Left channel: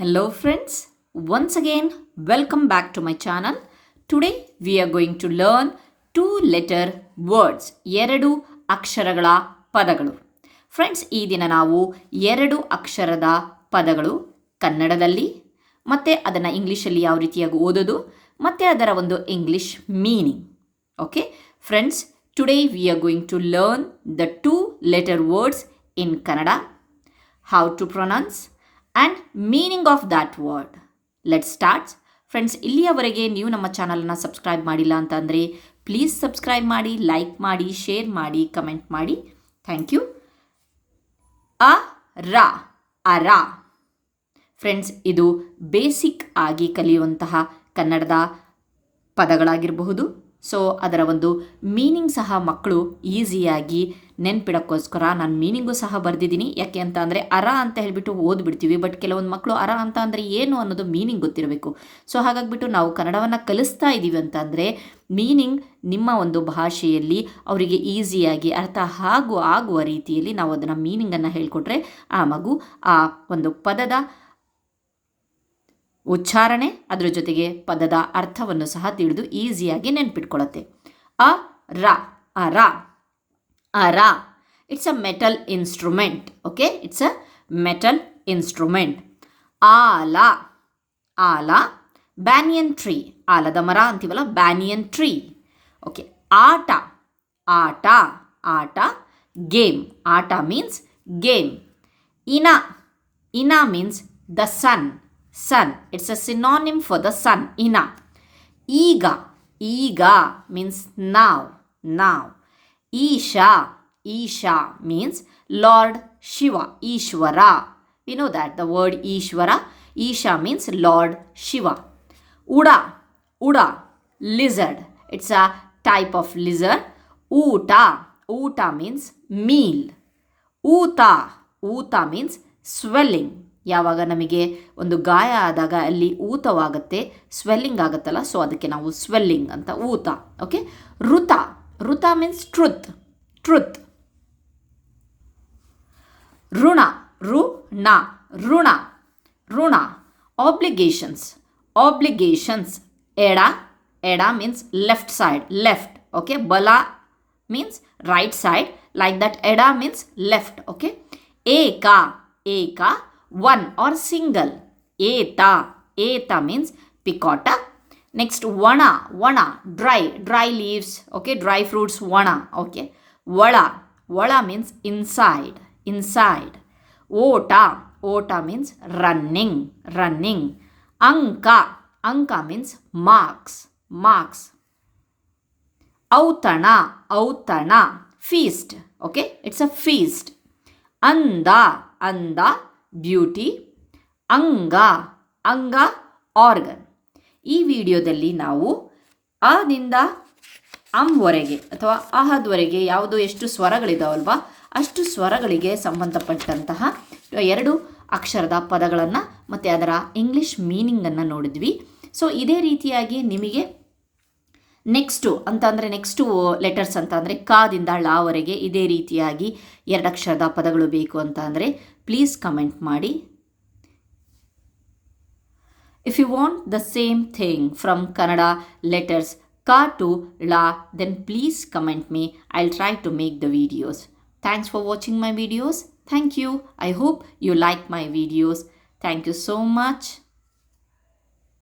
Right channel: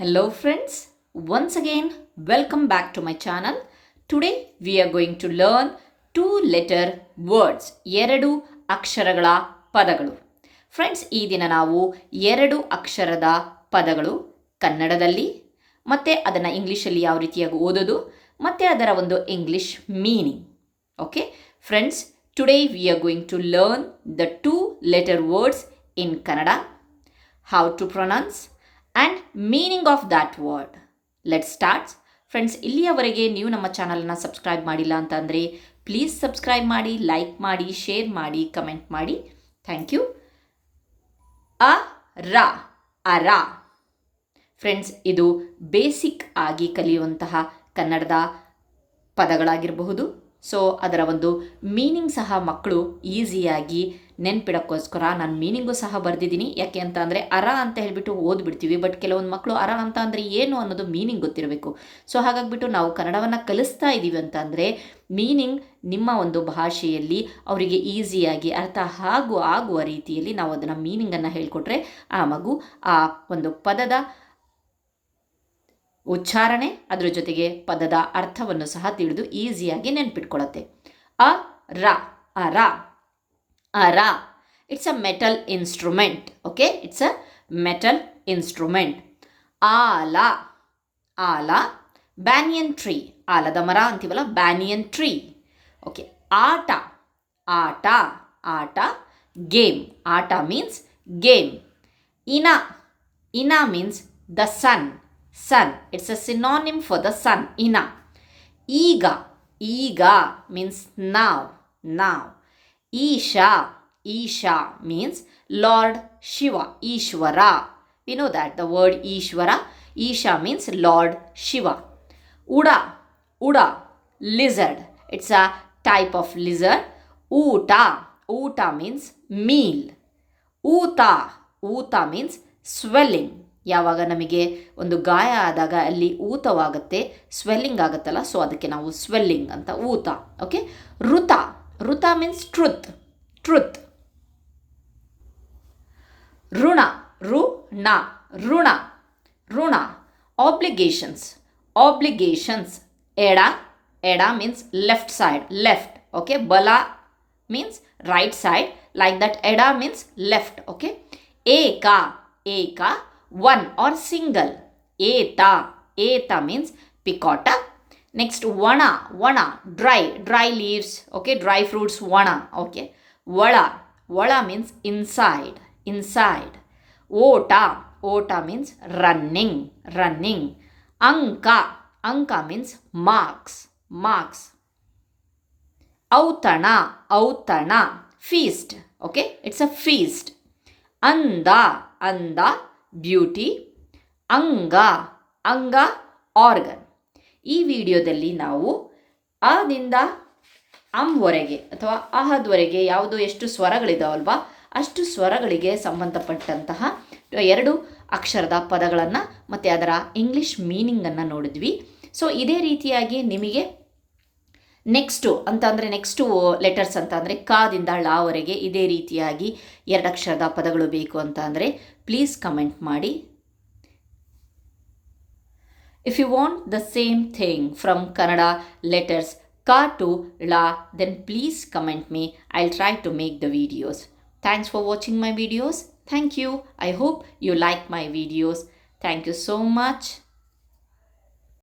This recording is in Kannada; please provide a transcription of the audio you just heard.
Hello friends, once again welcome back to my channel. Today we are going to learn two letter words, ಎರಡು ಅಕ್ಷರಗಳ ಪದಗಳು. ಫ್ರೆಂಡ್ಸ್ ಈ ದಿನ ನಾವು ಎರಡು ಅಕ್ಷರದ ಪದಗಳು ಕನ್ನಡದಲ್ಲಿ ಮತ್ತು ಅದನ್ನು ಇಂಗ್ಲೀಷಲ್ಲಿ ಯಾವ ರೀತಿಯಾಗಿ ಓದೋದು ಮತ್ತು ಅದರ ಒಂದು English meaning okay friends today we are going to learn the two letter words in Kannada how to pronounce and meaning of that word let starts friends ಇಲ್ಲಿಯವರೆಗೆ ನೀವು ನಮ್ಮ ಚಾನಲನ್ನು ಸಬ್ಸ್ಕ್ರೈಬ್ ಮಾಡಿಲ್ಲ ಅಂತಂದರೆ ಪ್ಲೀಸ್ ಸಬ್ಸ್ಕ್ರೈಬ್ ಮಾಡಿ ಲೈಕ್ ಮಾಡಿ ಶೇರ್ ಮಾಡಿ ಕಮೆಂಟ್ ಮಾಡಿ. ಥ್ಯಾಂಕ್ ಯು ಅ ರ ಅರ ಫ್ರೆಂಡ್ಸ್ ಇದು ಬೇಸಿಕ್ ಆಗಿ ಕಲಿಯುವಂತಹ ಕನ್ನಡದ ಪದಗಳಾಗಿರಬಹುದು. ಸೊ ಅದರ ಒಂದು ಮೀನಿಂಗ್ ಸಹ ಮಕ್ಕಳು ಈಸಿಯಾಗಿ ನೆನ್ಪಿಡೋಕ್ಕೋಸ್ಕರ ನಾನು ಮೀನಿಂಗು ಸಹ ಬರೆದಿದ್ದೀನಿ. ಯಾಕೆ ಅಂತ ಅಂದರೆ ಅರ ಅಂತ ಹೇಳಿಬಿಟ್ಟು ಓದ್ಬಿಡ್ತೀವಿ. ಬಟ್ ಕೆಲವೊಂದು ಮಕ್ಕಳು ಅರ ಅಂತ ಅಂದರೆ ಏನು ಅನ್ನೋದು ಮೀನಿಂಗ್ ಗೊತ್ತಿರಬೇಕು. ಸೊ ಹಾಗಾಗಿಬಿಟ್ಟು ನಾವು ಕನ್ನಡವನ್ನು ಕಲಿಸ್ತಾ ಇದ್ದೀವಿ ಅಂತ ಅಂದರೆ ಮೀನಿಂಗ್ ನಿಮ್ಮ ಒಂದು ಭಾಷೆಯಲ್ಲಿ ಅವರಿಗೆ ಈಸಿಯಾಗಿ ಅರ್ಥ ಹಾಗೂ ಆಗುವ ರೀತಿಯಲ್ಲಿ ನಾವು ಅದನ್ನು ಮೀನಿಂಗನ್ನು ಹೇಳಿಕೊಟ್ರೆ ಆ ಮಗು ಆ ಒಂದು ಪದದ ಉಚ್ಚಾರಣೆ ಅದರ ಜೊತೆಗೆ ಪದದ ಅರ್ಥವನ್ನು ಸಹ ತಿಳಿದು ಈಸಿಯಾಗಿ ನೆನ್ಪಿಟ್ಕೊಳ್ಳುತ್ತೆ ಅ, ರ ಅರ ಅರ it's a metal instrument okay it's a metal instrument ಆಲ ಆಲ. ಬ್ಯಾನಿಯನ್ ಟ್ರೀ ಆಲದ ಮರ ಅಂತೀವಲ್ಲ ಬ್ಯಾನಿಯನ್ ಟ್ರೀ ಓಕೆ ಆಟ ಆಟ ಆಟ ಗೇಮ್ ಆಟ ಮೀನ್ಸ್ ಗೇಮ್ ಇನ ಇನ means the sun sun. It's a synonym for the sun, ina. Iga, iga means now, now. Isha, Isha means Lord Shiva, Ishvara. We know that the word Ishvara, Isha means Lord Shiva. Uda, Uda, lizard. It's a type of lizard. Uta, Uta means meal. Uta, Uta means swelling. ಯಾವಾಗ ನಮಗೆ ಒಂದು ಗಾಯ ಆದಾಗ ಅಲ್ಲಿ ಊತವಾಗುತ್ತೆ ಸ್ವೆಲ್ಲಿಂಗ್ ಆಗುತ್ತಲ್ಲ ಸೊ ಅದಕ್ಕೆ ನಾವು ಸ್ವೆಲ್ಲಿಂಗ್ ಅಂತ ಊತ ಓಕೆ ಋತ ಋತ ಮೀನ್ಸ್ ಟ್ರುತ್ ಟ್ರುತ್ ಋಣ ಋಣ ಋಣ ಋಣ. ಆಬ್ಲಿಗೇಷನ್ಸ್ ಆಬ್ಲಿಗೇಷನ್ಸ್ ಎಡ ಎಡ means left side left okay ಬಲ means right side like that ಎಡ ಮೀನ್ಸ್ ಲೆಫ್ಟ್ ಓಕೆ ಏಕ ಏಕ one or single. Eta. Eta means picota. Next, vana. Vana. Dry. Dry leaves. Okay. Dry fruits. Vana. Okay. Vala. Vala means inside. Inside. Ota. Ota means running. Running. Anka. Anka means marks. Marks. Autana. Autana. Feast. Okay. It's a feast. Anda. Anda beauty, ಅಂಗ ಅಂಗ ಆರ್ಗನ್. ಈ ವಿಡಿಯೋದಲ್ಲಿ ನಾವು ಅದಿಂದ ಅಂವರೆಗೆ ಅಥವಾ ಅಹದ್ವರೆಗೆ ಯಾವುದು ಎಷ್ಟು ಸ್ವರಗಳಿದಾವಲ್ವಾ, ಅಷ್ಟು ಸ್ವರಗಳಿಗೆ ಸಂಬಂಧಪಟ್ಟಂತಹ ಎರಡು ಅಕ್ಷರದ ಪದಗಳನ್ನು ಮತ್ತು ಅದರ ಇಂಗ್ಲೀಷ್ ಮೀನಿಂಗನ್ನು ನೋಡಿದ್ವಿ. ಸೊ ಇದೇ ರೀತಿಯಾಗಿ ನಿಮಗೆ ನೆಕ್ಸ್ಟು ಅಂತಂದರೆ ನೆಕ್ಸ್ಟು ಲೆಟರ್ಸ್ ಅಂತ ಅಂದರೆ ಕಾದಿಂದ ಳವರೆಗೆ ಇದೇ ರೀತಿಯಾಗಿ ಎರಡು ಅಕ್ಷರದ ಪದಗಳು ಬೇಕು ಅಂತ ಅಂದರೆ Please comment ಮಾಡಿ If you want the same thing from Canada letters ka to la, then please comment me. I'll try to make the videos. Thanks for watching my videos. Thank you. I hope you like my videos. Thank you so much.